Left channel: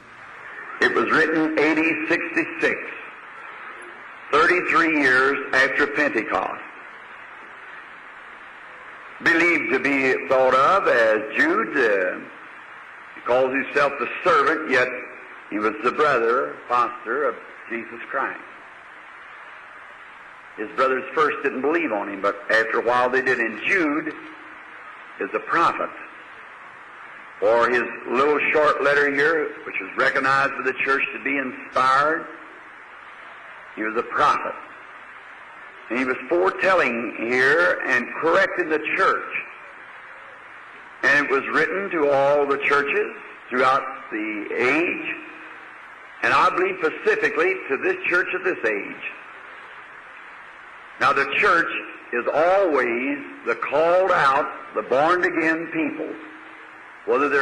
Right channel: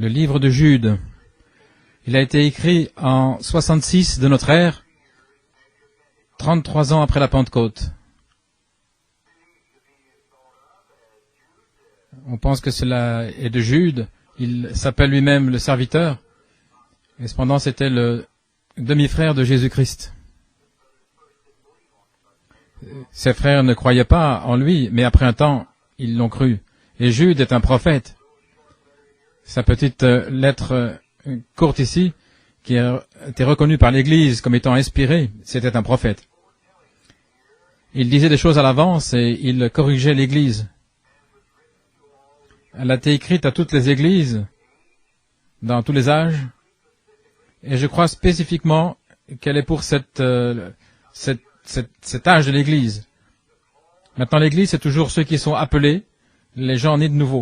Le livre de Jude. Il a été écrit en 66 de notre ère, 33 ans après la Pentecôte. On pense que cela est de Jude. Il s'appelle lui-même le serviteur. Cependant, c'était le demi-frère de Jésus-Christ. Ses frères ne croyaient pas en lui, mais après un temps, ils l'ont cru. Et Jude est un prophète. Sa petite lettre courte ici, qui a été reconnue par l'Église comme étant inspirée, c'était un prophète. Il disait des choses à l'avance et il corrigeait l'Église. Elle a été écrite à toutes les églises, dans tous les âges, et je crois spécifiquement qu'elle est pour cet âge de l'Église. Maintenant, l'Église, c'est toujours ceux qui sont appelés, les gens nés de nouveau,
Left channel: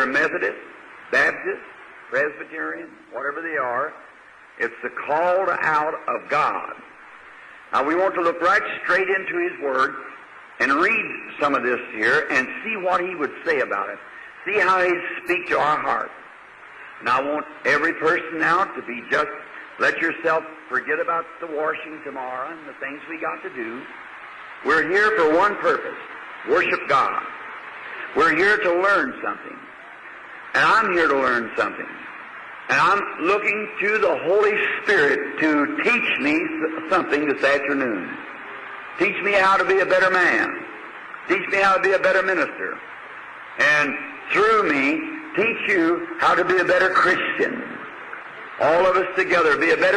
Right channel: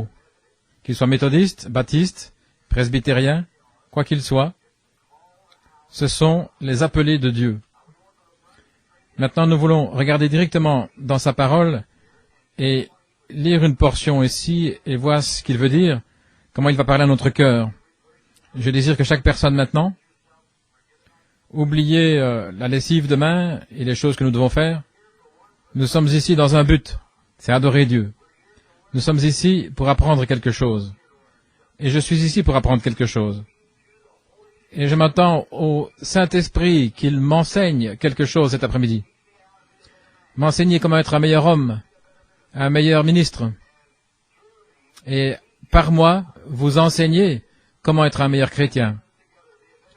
qu'ils soient méthodistes, baptistes, presbytériens, quoi qu'ils soient, ce sont les appelés de Dieu. Maintenant, nous voulons regarder directement dans sa parole et lire une portion ici et voir ce qu'il veut dire, comment il va parler à notre cœur. Je désire que chaque personne maintenant oubliez la lessive de main et les choses que nous devons faire. Nous sommes ici dans un but, c'est adorer Dieu. Nous sommes ici pour apprendre quelque chose. Et je suis ici pour apprendre quelque chose. Et je m'attends au Saint-Esprit qu'il m'enseigne quelque chose cet après-midi. M'enseigner comment être un meilleur homme, un meilleur ministre. Et par moi, vous enseigner comment être un meilleur chrétien.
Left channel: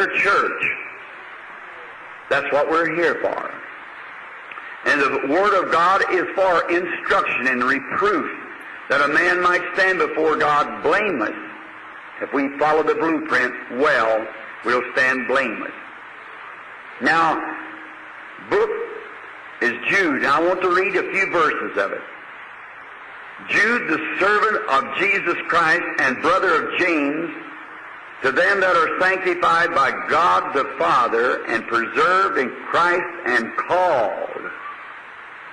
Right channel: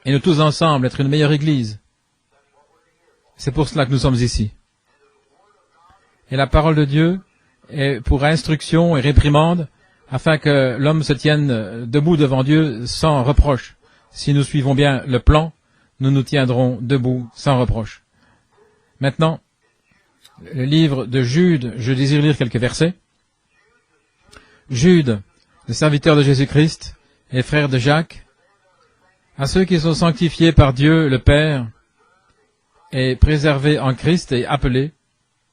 Et nous tous ensemble, être une meilleure Église. C'est pour cela que nous sommes ici. Et la parole de Dieu est pour instruction et réprimande, afin que l'homme se tienne debout devant Dieu sans reproche. Si nous suivons bien le plan, nous nous tiendrons debout sans reproche. Maintenant, le livre de Jude, je désire lire quelques versets. Jude, le serviteur de Jésus-Christ et frère de Jacques, à ceux qui sont sanctifiés par Dieu le Père et préservés en Christ et appelés,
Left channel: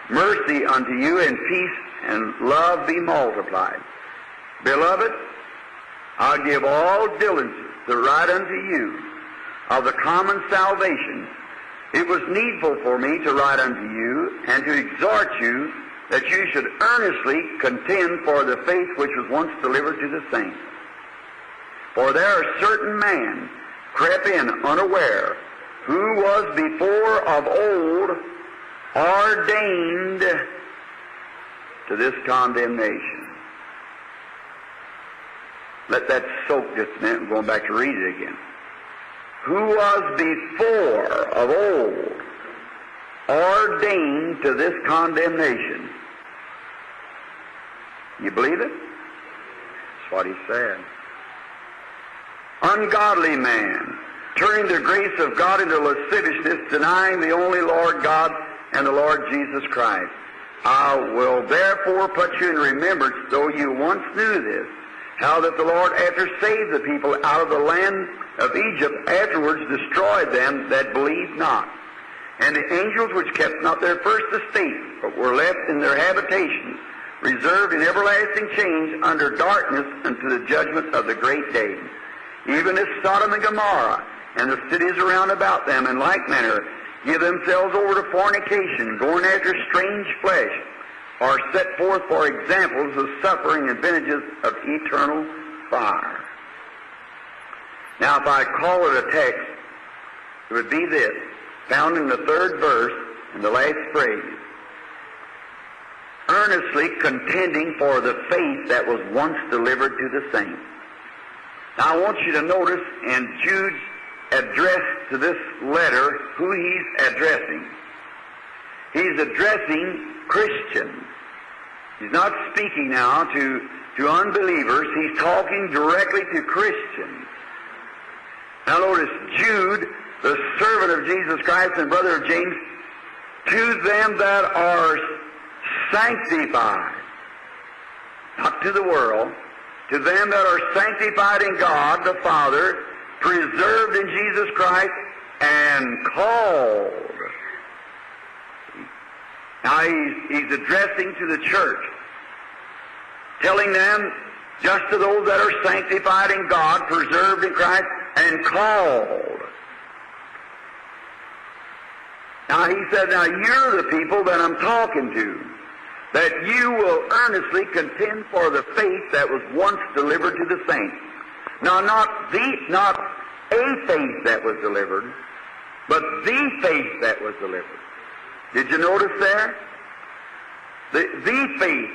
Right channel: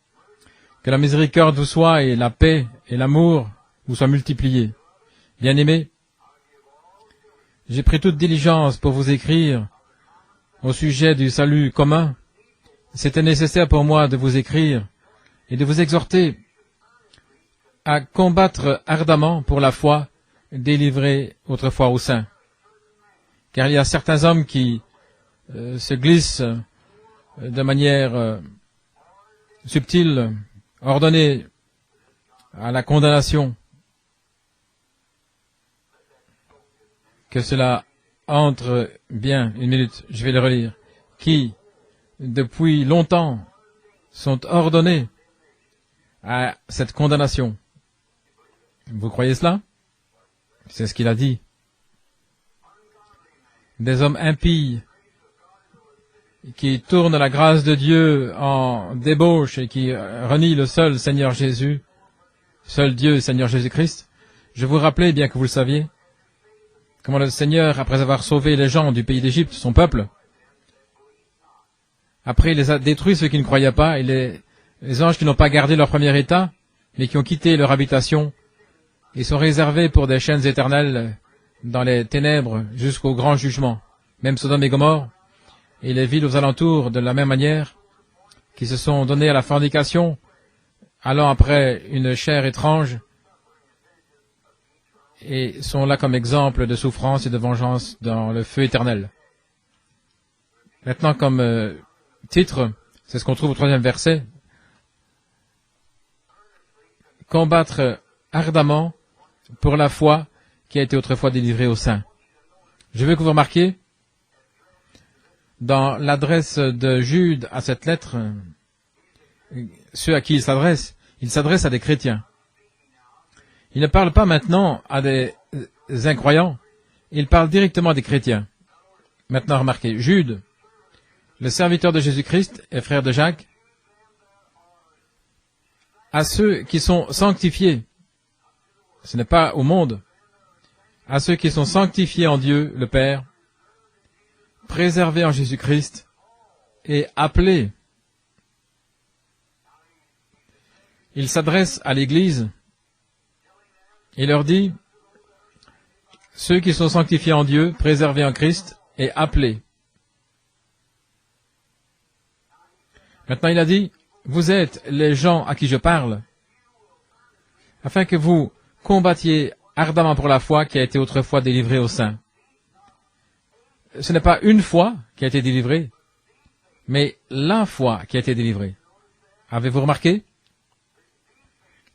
que la miséricorde vous soit et la paix et l'amour vous soient multipliés. Bien-aimés, j'ai pris toute diligence pour vous écrire au sujet du salut commun. C'était nécessaire pour moi de vous écrire et de vous exhorter à combattre ardemment pour la foi délivrée autrefois aux saints. Car il y a certains hommes qui se glissent de manière subtile, ordonnée à la condamnation. Que cela entre bien, une minute, je vais le relire, qui, depuis longtemps, sont ordonnés à cette condamnation. Vous croyez cela? C'est ce qu'il a dit. Des hommes impies qui tournent la grâce de Dieu en débauche et qui renient le seul Seigneur Jésus, seul Dieu, Seigneur Jésus-Christ. Je vous rappelais, bien que vous le saviez, comment le Seigneur, après avoir sauvé les gens du pays d'Égypte, son peuple, après il les a détruits ceux qui ne croyaient pas, et les anges qui n'ont pas gardé leur premier état, mais qui ont quitté leur habitation, ils sont réservés pour des chaînes éternelles dans les ténèbres jusqu'au grand jugement. Même Sodome et Gomorrhe et les villes aux alentours, de la même manière, qui se sont donnés à la fornication, allant après une chair étrange, et sont là comme exemple de souffrance et de vengeance dans le feu éternel. Maintenant, comme titre, c'est ce qu'on trouve au 3e verset, combattre ardemment pour la foi qui a été autrefois délivrée aux saints. Je veux que vous remarquiez, dans l'adresse de Jude à cette lettre, ceux à qui il s'adresse à des chrétiens. Il ne parle pas maintenant à des incroyants, il parle directement à des chrétiens. Maintenant, remarquez, Jude, le serviteur de Jésus-Christ et frère de Jacques, à ceux qui sont sanctifiés, ce n'est pas au monde, à ceux qui sont sanctifiés en Dieu, le Père, préservés en Jésus-Christ et appelés. Il s'adresse à l'Église et leur dit, ceux qui sont sanctifiés en Dieu, préservés en Christ et appelés. Maintenant, il a dit, vous êtes les gens à qui je parle, afin que vous combattiez ardemment pour la foi qui a été autrefois délivrée aux saints. Ce n'est pas une foi qui a été délivrée, mais la foi qui a été délivrée. Avez-vous remarqué?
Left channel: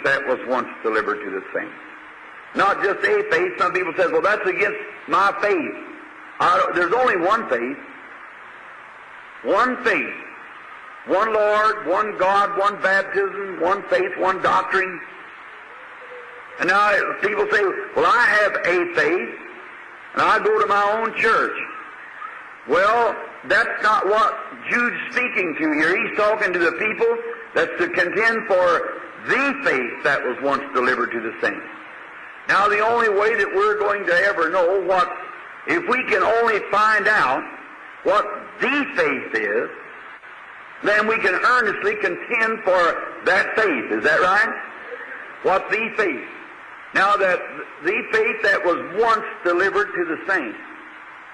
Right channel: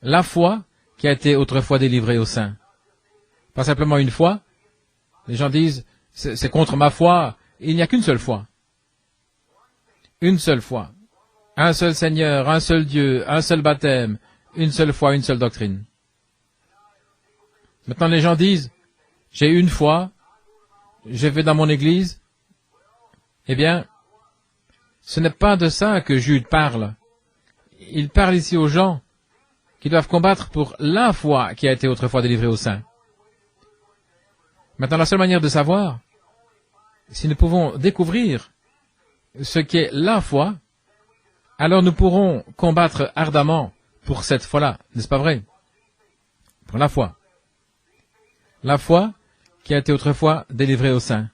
La foi qui a été autrefois délivrée aux saints. Pas simplement une foi. Les gens disent, c'est contre ma foi. Il n'y a qu'une seule foi. Une seule foi. Un seul Seigneur, un seul Dieu, un seul baptême, une seule foi, une seule doctrine. Maintenant, les gens disent, j'ai une foi, je vais dans mon église. Eh bien, ce n'est pas de ça que Jude parle. Il parle ici aux gens qui doivent combattre pour la foi qui a été autrefois délivrée aux saints. Maintenant, la seule manière de savoir, si nous pouvons découvrir ce qu'est la foi, alors nous pourrons combattre ardemment pour cette foi-là. N'est-ce pas vrai? La foi. La foi qui a été autrefois délivrée aux saints.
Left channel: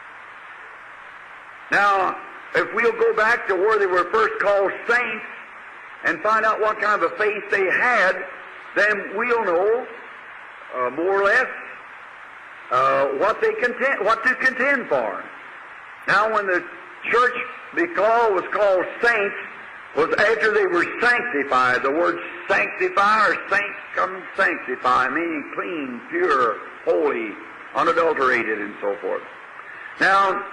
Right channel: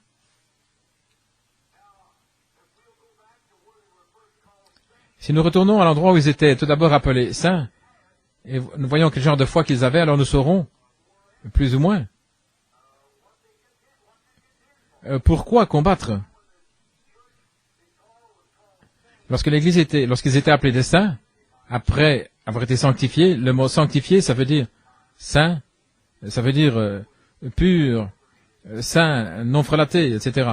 Si nous retournons à l'endroit où ils étaient tout d'abord appelés saints, et voyons quel genre de foi qu'ils avaient, alors nous saurons, plus ou moins, pourquoi combattre. Lorsqu'ils étaient appelés des saints, après avoir été sanctifiés, le mot sanctifié, ça veut dire saint, ça veut dire pur, saint, non frelaté, etc.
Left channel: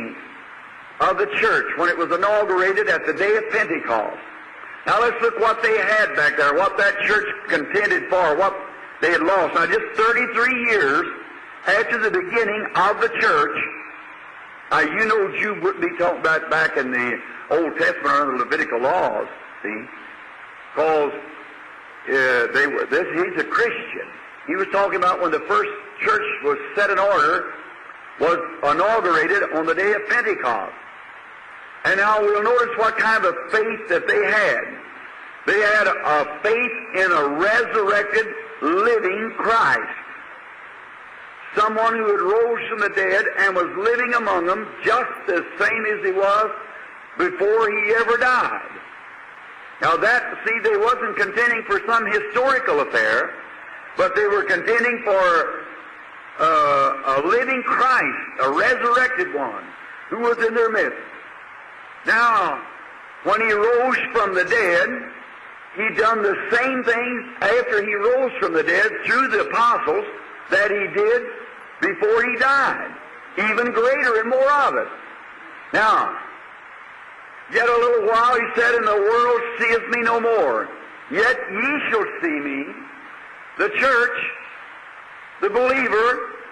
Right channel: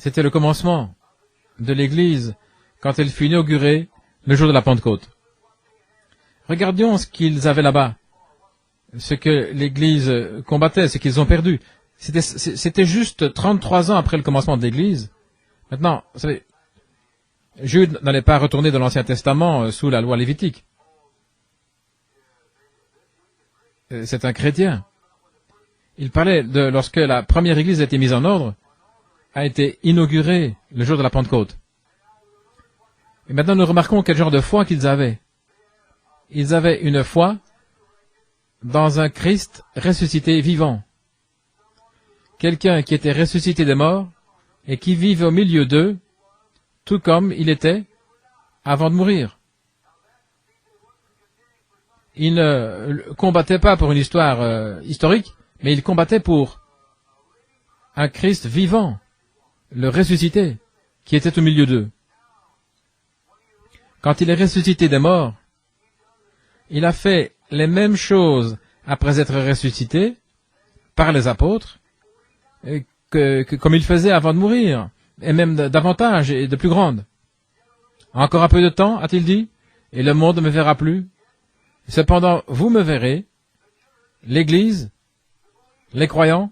C'était le commencement de l'Église quand elle fut inaugurée le jour de la Pentecôte. Regardons ce qu'ils avaient là-bas, ce que l'Église combattait, ce qu'ils ont perdu. C'était juste 33 ans après le commencement de l'Église. Maintenant, Jude n'allait pas retourner dans l'Ancien Testament sous la loi lévitique. C'est un chrétien. Il parlait de lorsque la première église a été mise en ordre, a été inaugurée le jour de la Pentecôte. Maintenant, nous remarquons quel genre de foi qu'ils avaient. Ils avaient une foi dans un Christ ressuscité vivant. Quelqu'un qui était ressuscité des morts et qui vivait au milieu d'eux, tout comme il était avant de mourir. Il ne combattait pas pour une histoire historique, mais il combattait pour un Christ vivant, le ressuscité, qui était au milieu d'eux. Quand il est ressuscité des morts, il a fait les mêmes choses après être ressuscité par les apôtres, comme il faisait avant de mourir, et même davantage et de plus grande. Encore un peu de temps, a-t-il dit, et le monde ne me verra plus. Cependant, vous me verrez, l'Église, les croyants,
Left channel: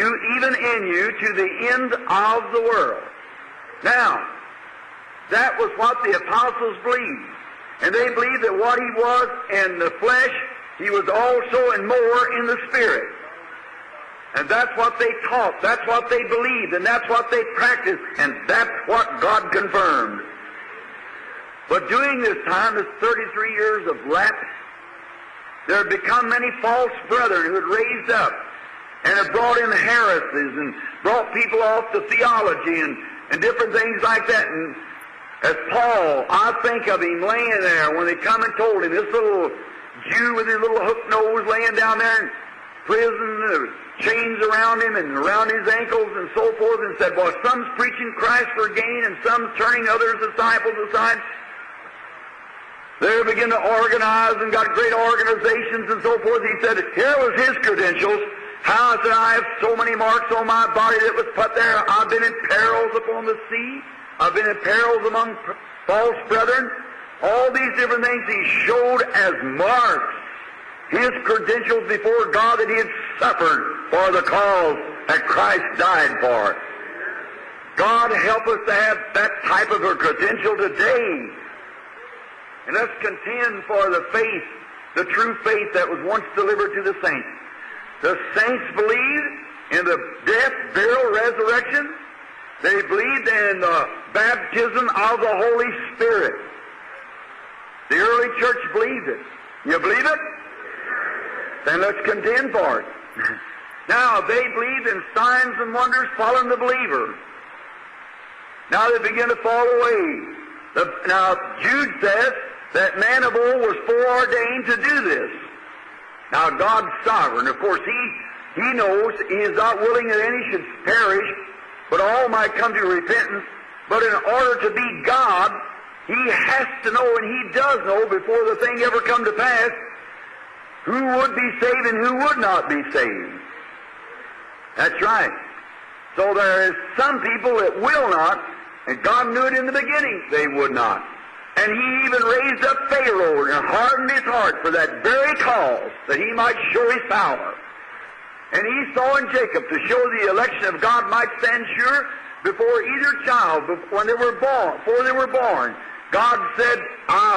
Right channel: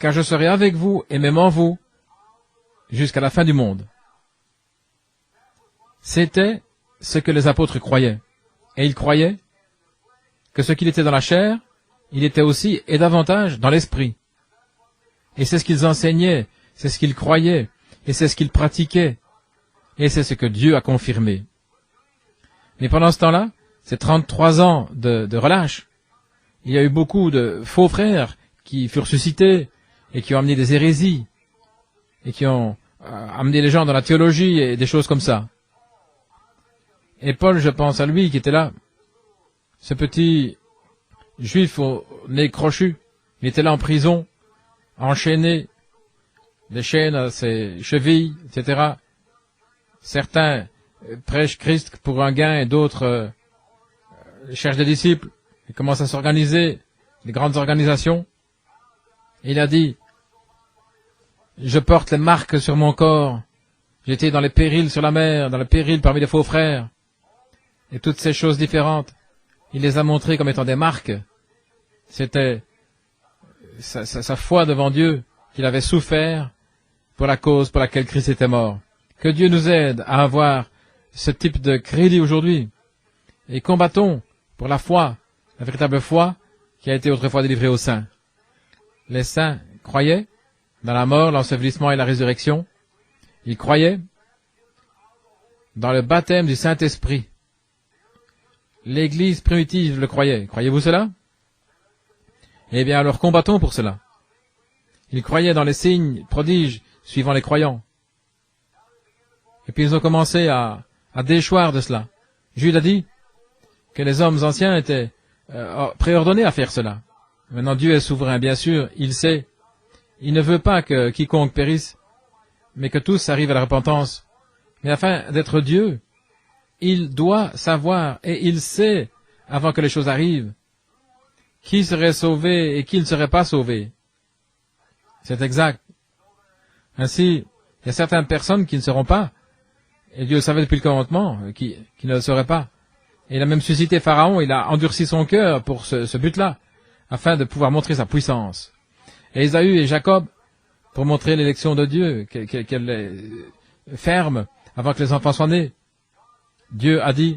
car je serai avec vous et même en vous jusqu'à la fin du monde. C'était ce que les apôtres croyaient. Et ils croyaient que ce qu'il était dans la chair, il était aussi et davantage dans l'esprit. Et c'est ce qu'ils enseignaient, c'est ce qu'ils croyaient, et c'est ce qu'ils pratiquaient, et c'est ce que Dieu a confirmé. Et pendant ce temps-là, ces 33 ans de relâche, il y a eu beaucoup de faux frères qui furent suscités et qui ont amené des hérésies, et qui ont amené les gens dans la théologie et des choses comme ça. Et Paul, je pense à lui qui était là, ce petit juif au nez crochu, il était là en prison, enchaîné, des chaînes à ses chevilles, etc. Certains prêchent Christ pour un gain et d'autres cherchent des disciples, commencent à s'organiser, de grandes organisations. Il a dit, je porte les marques sur mon corps. J'étais dans les périls sur la mer, dans les périls parmi les faux frères. Et toutes ces choses différentes, il les a montrées comme étant des marques. C'était sa foi devant Dieu qu'il avait souffert pour la cause pour laquelle Christ était mort. Que Dieu nous aide à avoir ce type de crédit aujourd'hui. Et combattons pour la foi, la véritable foi qui a été autrefois délivrée aux saints. Les saints croyaient dans la mort, l'ensevelissement et la résurrection. Ils croyaient dans le baptême du Saint-Esprit. L'Église primitive le croyait. Croyez-vous cela? Eh bien, alors combattons pour cela. Ils croyaient dans les signes, prodiges, suivant les croyants. Et puis ils ont commencé à déchoir de cela. Jude a dit que les hommes anciens étaient préordonnés à faire cela. Maintenant, Dieu est souverain, bien sûr, il sait. Il ne veut pas que quiconque périsse, mais que tous arrivent à la repentance. Mais afin d'être Dieu, il doit savoir, et il sait, avant que les choses arrivent, qui serait sauvé et qui ne serait pas sauvé. C'est exact. Ainsi, il y a certaines personnes qui ne seront pas, et Dieu savait depuis le commencement, et qui ne le seraient pas. Il a même suscité Pharaon, il a endurci son cœur pour ce but-là, afin de pouvoir montrer sa puissance. Et Ésaü et Jacob, pour montrer l'élection de Dieu, qu'elle est ferme avant que les enfants soient nés. Dieu a dit,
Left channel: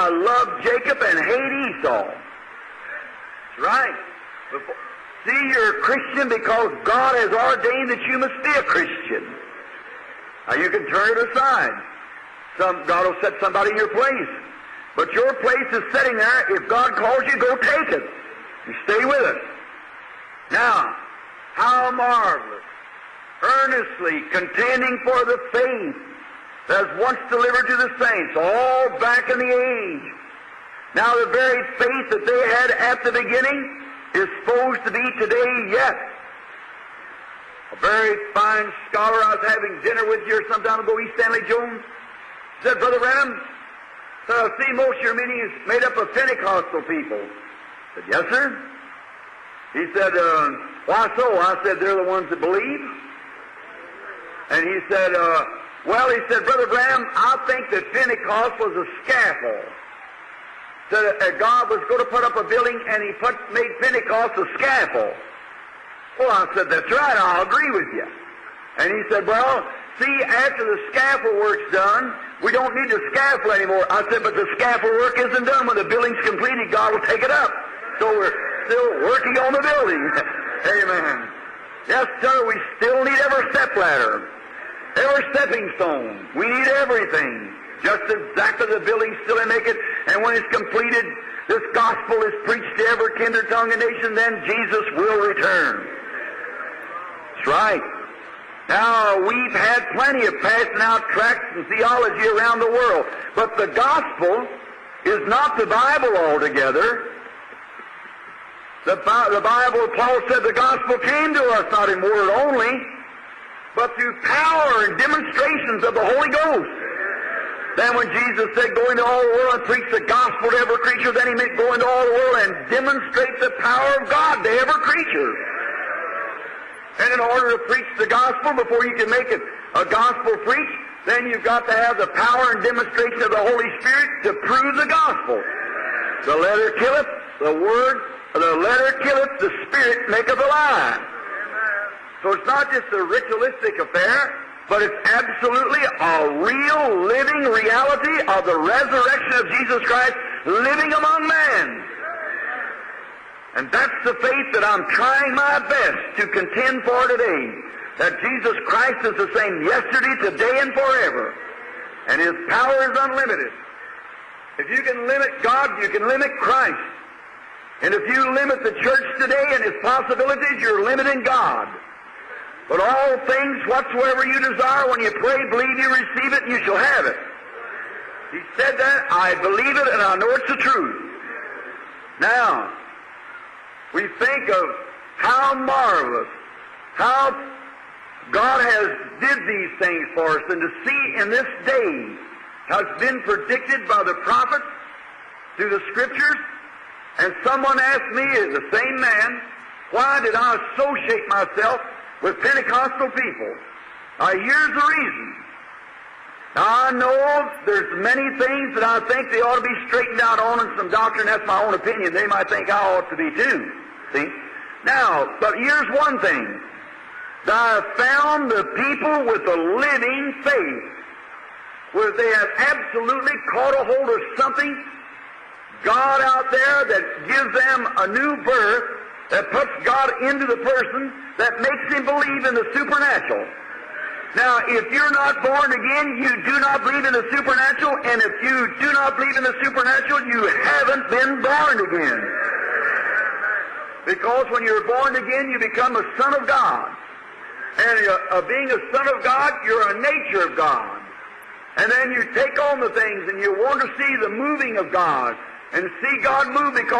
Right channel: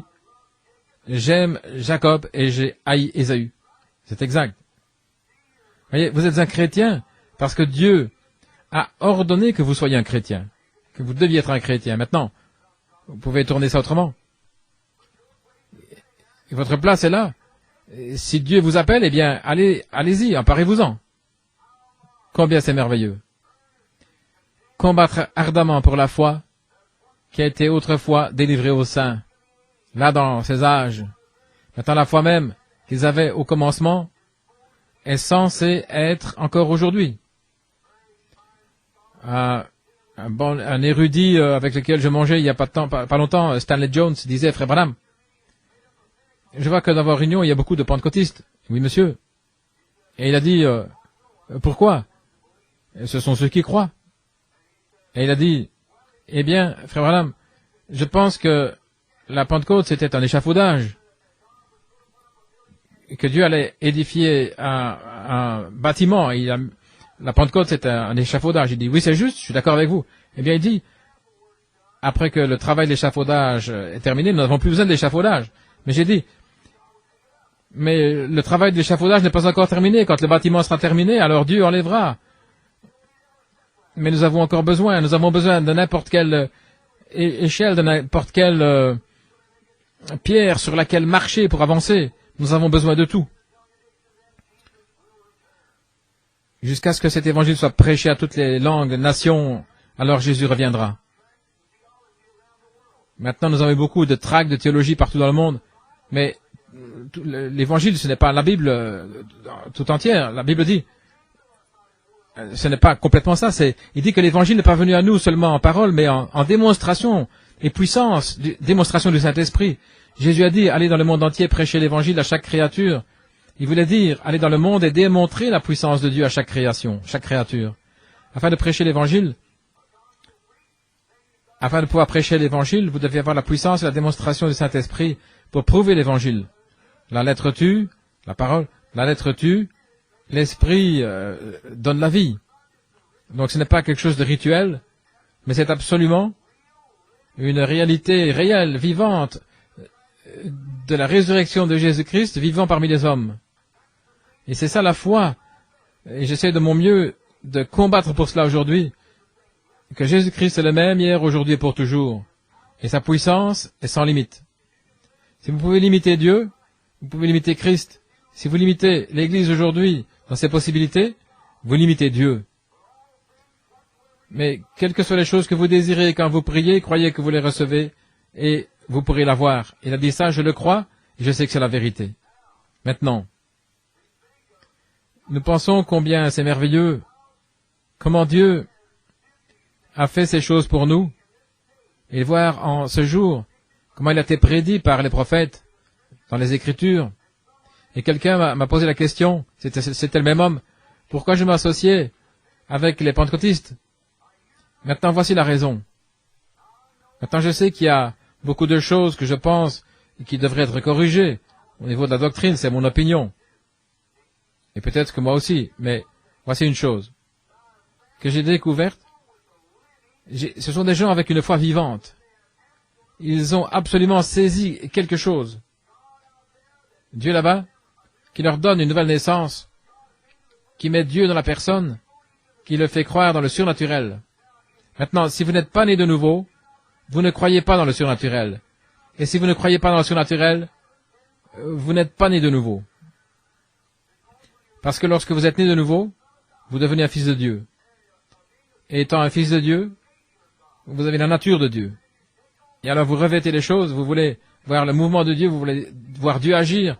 j'aime Jacob et j'ai haï Ésaü. C'est exact. Et vous êtes un chrétien parce que Dieu a ordonné que vous soyez un chrétien. Vous deviez être un chrétien. Maintenant, vous pouvez tourner ça autrement. Votre place est là. Si Dieu vous appelle, eh bien, allez-y, emparez-vous-en. Combien c'est merveilleux. Combattre ardemment pour la foi qui a été autrefois délivrée aux saints. Là, dans ces âges, étant la foi même qu'ils avaient au commencement, est censé être encore aujourd'hui. Un érudit avec lequel je mangeais il n'y a pas longtemps, Stanley Jones, disait, frère Branham, je vois que dans vos réunions, il y a beaucoup de pentecôtistes. Oui, monsieur. Et il a dit, pourquoi? Ce sont ceux qui croient. Et il a dit, eh bien, frère Branham, je pense que la Pentecôte, c'était un échafaudage, que Dieu allait édifier un bâtiment. La Pentecôte, c'était un échafaudage. Il dit, oui, c'est juste, je suis d'accord avec vous. Il a dit, après que le travail d'échafaudage est terminé, nous n'avons plus besoin d'échafaudage. Mais j'ai dit, mais le travail d'échafaudage n'est pas encore terminé. Quand le bâtiment sera terminé, alors Dieu enlèvera. Mais nous avons encore besoin, nous avons besoin de n'importe quelle échelle, de n'importe quelle pierre sur laquelle marcher pour avancer. Nous avons besoin de tout. Jusqu'à ce que cet évangile soit prêché à toutes les langues, les nations, alors Jésus reviendra. Maintenant, nous avons beaucoup de tracts de théologie partout dans le monde, mais l'évangile, ce n'est pas la Bible tout entière. La Bible dit, ce n'est pas complètement ça, il dit que l'évangile n'est pas venu à nous seulement en parole, mais en démonstration et puissance, démonstration du Saint-Esprit. Jésus a dit, allez dans le monde entier, prêcher l'évangile à chaque créature. Il voulait dire, allez dans le monde et démontrer la puissance de Dieu à chaque création, chaque créature. Afin de prêcher l'évangile, afin de pouvoir prêcher l'évangile, vous devez avoir la puissance et la démonstration du Saint-Esprit pour prouver l'évangile. La lettre tue, la parole, la lettre tue, l'esprit donne la vie. Donc ce n'est pas quelque chose de rituel, mais c'est absolument une réalité réelle, vivante, de la résurrection de Jésus-Christ vivant parmi les hommes. Et c'est ça la foi. Et j'essaie de mon mieux de combattre pour cela aujourd'hui, que Jésus-Christ est le même hier, aujourd'hui et pour toujours. Et sa puissance est sans limite. Si vous pouvez limiter Dieu, vous pouvez limiter Christ. Si vous limitez l'Église aujourd'hui à ses possibilités, vous limitez Dieu. Mais quelles que soient les choses que vous désirez, quand vous priez, croyez que vous les recevez et vous pourrez l'avoir. Il a dit ça, je le crois, je sais que c'est la vérité. Maintenant, nous pensons combien c'est merveilleux, comment Dieu a fait ces choses pour nous, et voir en ce jour comment il a été prédit par les prophètes, dans les Écritures. Et quelqu'un m'a posé la question, c'était le même homme, pourquoi je m'associais avec les pentecôtistes? Maintenant, voici la raison. Maintenant, je sais qu'il y a beaucoup de choses que je pense qui devraient être corrigées au niveau de la doctrine, c'est mon opinion. Et peut-être que moi aussi, mais voici une chose. Ce que j'ai découvert, ce sont des gens avec une foi vivante. Ils ont absolument saisi quelque chose. Dieu là-bas, qui leur donne une nouvelle naissance, qui met Dieu dans la personne, qui le fait croire dans le surnaturel. Maintenant, si vous n'êtes pas né de nouveau, vous ne croyez pas dans le surnaturel. Et si vous ne croyez pas dans le surnaturel, vous n'êtes pas né de nouveau. Parce que lorsque vous êtes né de nouveau, vous devenez un fils de Dieu. Et étant un fils de Dieu, vous avez la nature de Dieu. Et alors vous revêtez les choses, vous voulez voir le mouvement de Dieu, vous voulez voir Dieu agir,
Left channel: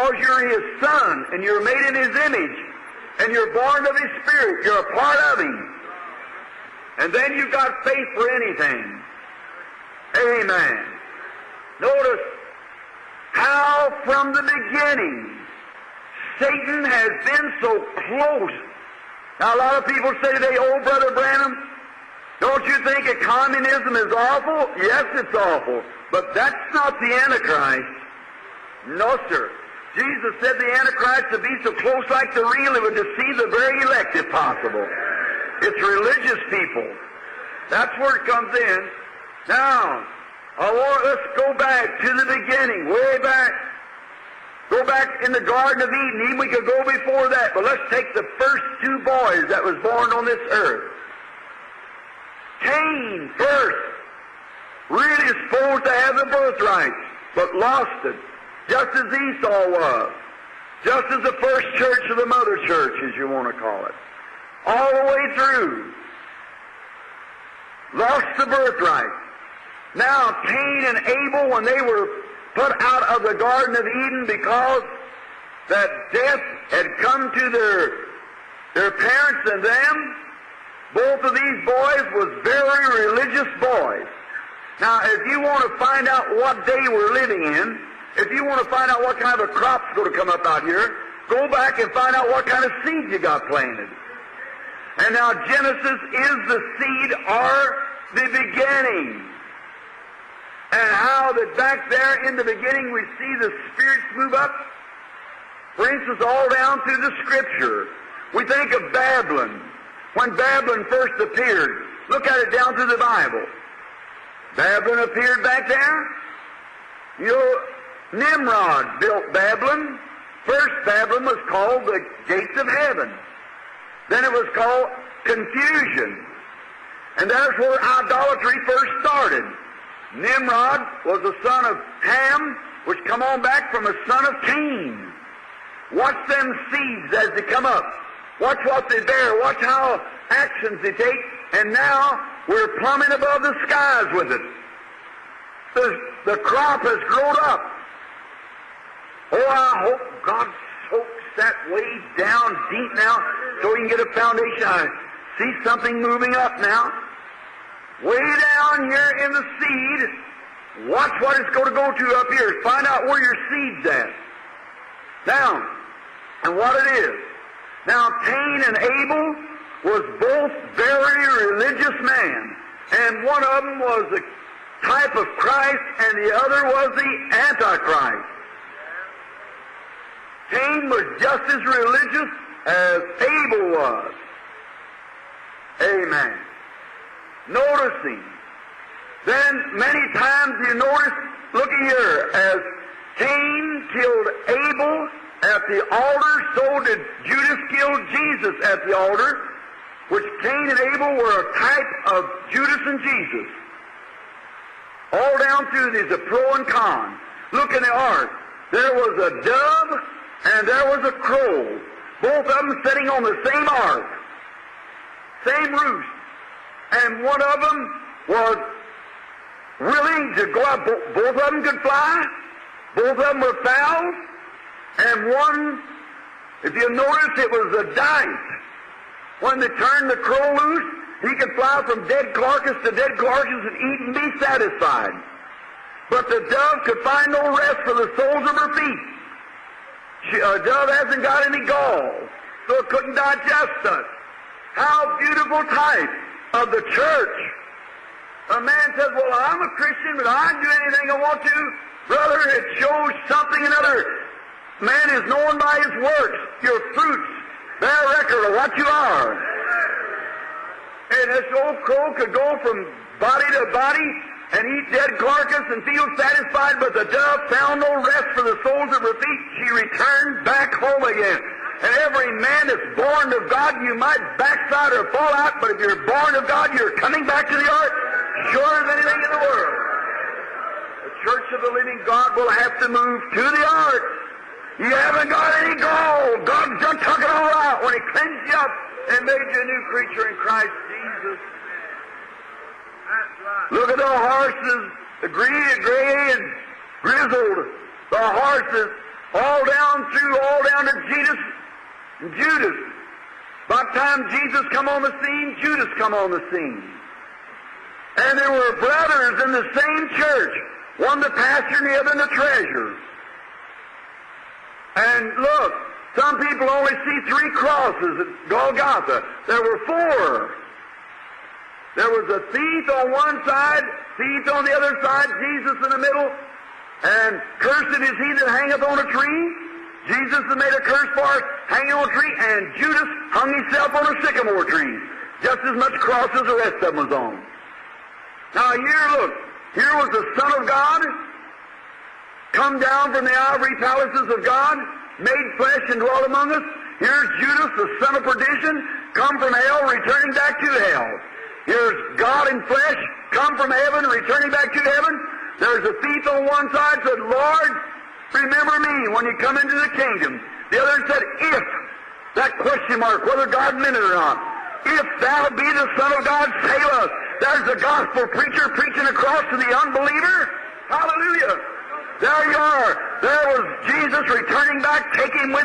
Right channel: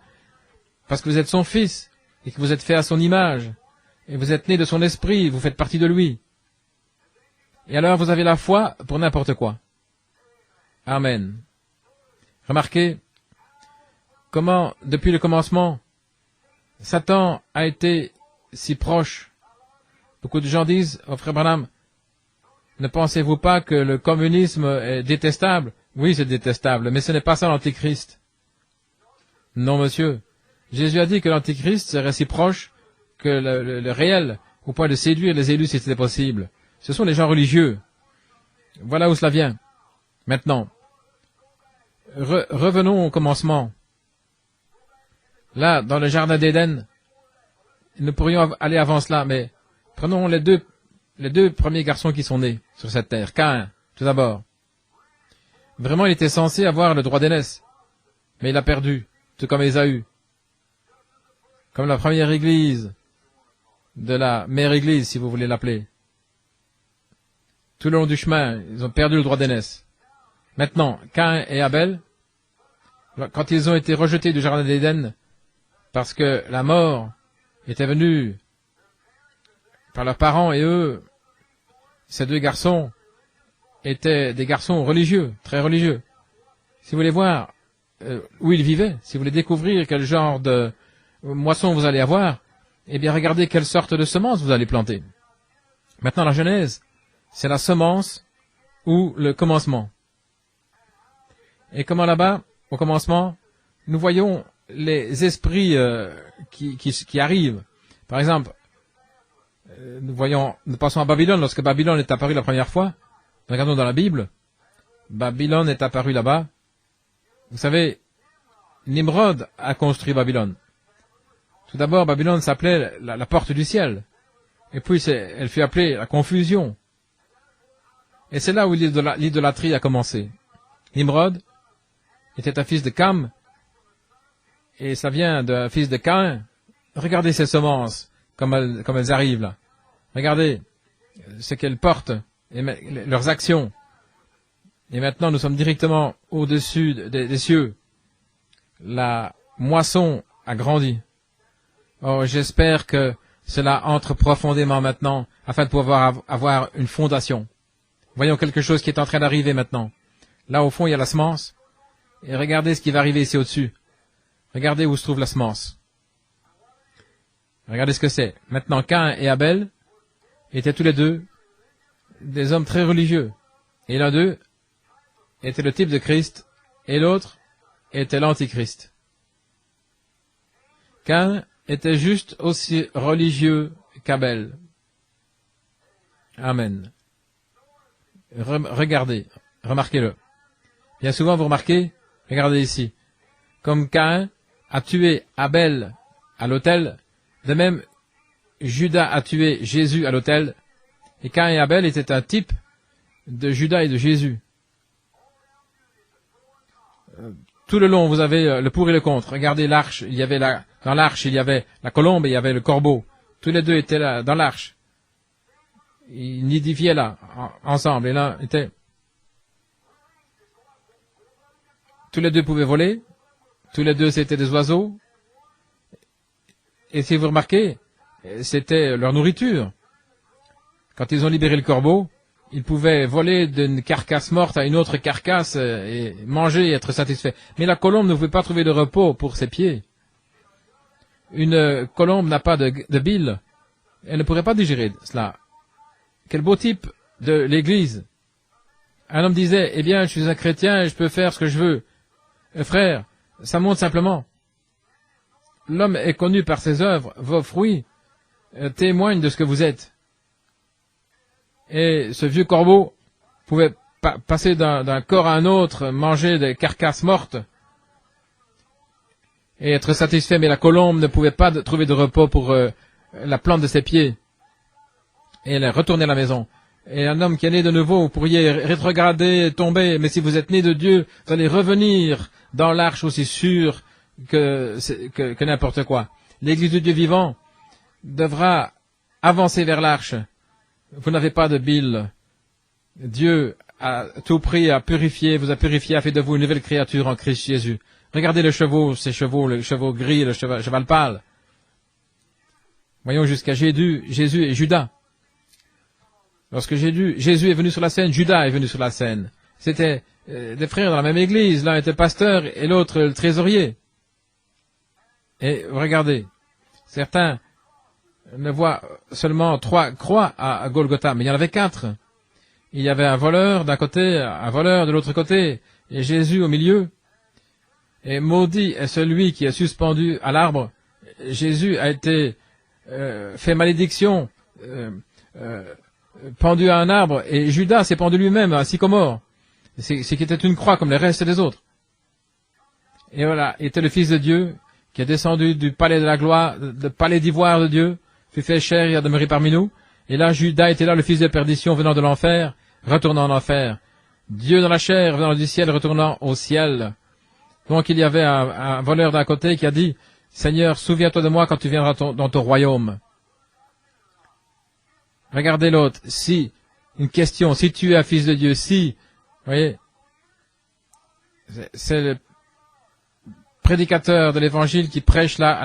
parce que vous êtes son fils, que vous êtes fait à son image, et vous êtes né de son esprit, vous faites partie de lui. Et alors vous avez la foi pour n'importe quoi. Amen. Remarquez comment, depuis le commencement, Satan a été si proche. Beaucoup de gens disent, Frère Branham, ne pensez-vous pas que le communisme est détestable? Oui, c'est détestable, mais ce n'est pas ça l'Antichrist. Non, monsieur. Jésus a dit que l'Antichrist serait si proche que le réel, au point de séduire les élus si c'était possible. Ce sont les gens religieux. Voilà où cela vient. Maintenant, revenons au commencement. Là, dans le jardin d'Éden, nous pourrions aller avant cela, mais prenons les deux premiers garçons qui sont nés sur cette terre. Caïn, tout d'abord. Vraiment, il était censé avoir le droit d'aînesse, mais il a perdu, tout comme Ésaü. Comme la première église, de la mère église, si vous voulez l'appeler. Tout le long du chemin, il a perdu le droit d'aînesse. Maintenant, Caïn et Abel, quand ils ont été rejetés du jardin d'Éden, parce que la mort était venue par leurs parents et eux, ces deux garçons étaient des garçons religieux, très religieux. Si vous voulez voir où ils vivaient, si vous voulez découvrir quel genre de moisson vous allez avoir, eh bien regardez quelle sorte de semence vous allez planter. Maintenant la Genèse, c'est la semence ou le commencement. Et comment là-bas, au commencement, nous voyons les esprits qui arrivent. Par exemple, nous passons à Babylone, lorsque Babylone est apparu la première fois. Regardons dans la Bible. Babylone est apparu là-bas. Vous savez, Nimrod a construit Babylone. D'abord, Babylone s'appelait la porte du ciel. Et puis, elle fut appelée la confusion. Et c'est là où l'idolâtrie a commencé. Nimrod était un fils de Cam, et ça vient d'un fils de Caïn. Regardez ces semences, comme elles arrivent. Regardez ce qu'elles portent, leurs actions. Et maintenant, nous sommes directement au-dessus des cieux. La moisson a grandi. Oh, j'espère que cela entre profondément maintenant, afin de pouvoir avoir une fondation. Voyons quelque chose qui est en train d'arriver maintenant. Là, au fond, il y a la semence. Et regardez ce qui va arriver ici au-dessus. Regardez où se trouve la semence. Regardez ce que c'est. Maintenant, Caïn et Abel étaient tous les deux des hommes très religieux. Et l'un d'eux était le type de Christ, et l'autre était l'Antichrist. Caïn était juste aussi religieux qu'Abel. Amen. Regardez, remarquez-le. Bien souvent, vous remarquez, regardez ici, comme Caïn a tué Abel à l'autel, de même, Judas a tué Jésus à l'autel. Caïn et Abel étaient un type de Judas et de Jésus. Tout le long, vous avez le pour et le contre. Regardez l'arche. Dans l'arche, il y avait la colombe et il y avait le corbeau. Tous les deux étaient là, dans l'arche. Ils nidifiaient là, ensemble. Et là, tous les deux pouvaient voler. Tous les deux, c'était des oiseaux. Et si vous remarquez, c'était leur nourriture. Quand ils ont libéré le corbeau, ils pouvaient voler d'une carcasse morte à une autre carcasse et manger et être satisfaits. Mais la colombe ne pouvait pas trouver de repos pour ses pieds. Une colombe n'a pas de bile. Elle ne pourrait pas digérer cela. Quel beau type de l'Église. Un homme disait, eh bien, je suis un chrétien et je peux faire ce que je veux. Et frère, ça montre simplement. L'homme est connu par ses œuvres, vos fruits témoignent de ce que vous êtes. Et ce vieux corbeau pouvait passer d'un corps à un autre, manger des carcasses mortes, et être satisfait, mais la colombe ne pouvait pas trouver de repos pour la plante de ses pieds. Et elle est retournée à la maison. Et un homme qui est né de nouveau, vous pourriez rétrograder, tomber, mais si vous êtes né de Dieu, vous allez revenir dans l'arche aussi sûr que n'importe quoi. L'Église du Dieu vivant devra avancer vers l'arche. Vous n'avez pas de bile. Dieu a tout pris, a purifié, vous a purifié, a fait de vous une nouvelle créature en Christ Jésus. Regardez le chevaux, ces chevaux, le chevaux gris, le cheval pâle. Voyons jusqu'à Jésus et Judas. Lorsque Jésus est venu sur la scène, Judas est venu sur la scène. C'était des frères dans la même église. L'un était pasteur et l'autre le trésorier. Et regardez, certains ne voient seulement 3 croix à Golgotha, mais il y en avait 4. Il y avait un voleur d'un côté, un voleur de l'autre côté, et Jésus au milieu. Et maudit est celui qui est suspendu à l'arbre. Et Jésus a été fait malédiction, pendu à un arbre, et Judas s'est pendu lui-même à un sycomore, ce qui était une croix comme les restes des autres. Et voilà, il était le Fils de Dieu, qui est descendu du palais de la gloire, du palais d'ivoire de Dieu, qui fait chair, il a demeuré parmi nous. Et là, Judas était là, le fils de perdition, venant de l'enfer, retournant en enfer. Dieu dans la chair, venant du ciel, retournant au ciel. Donc il y avait un voleur d'un côté qui a dit, Seigneur, souviens-toi de moi quand tu viendras dans ton royaume. Regardez l'autre. Si, une question, si tu es un fils de Dieu, si, voyez, c'est le prédicateur de l'évangile qui prêche là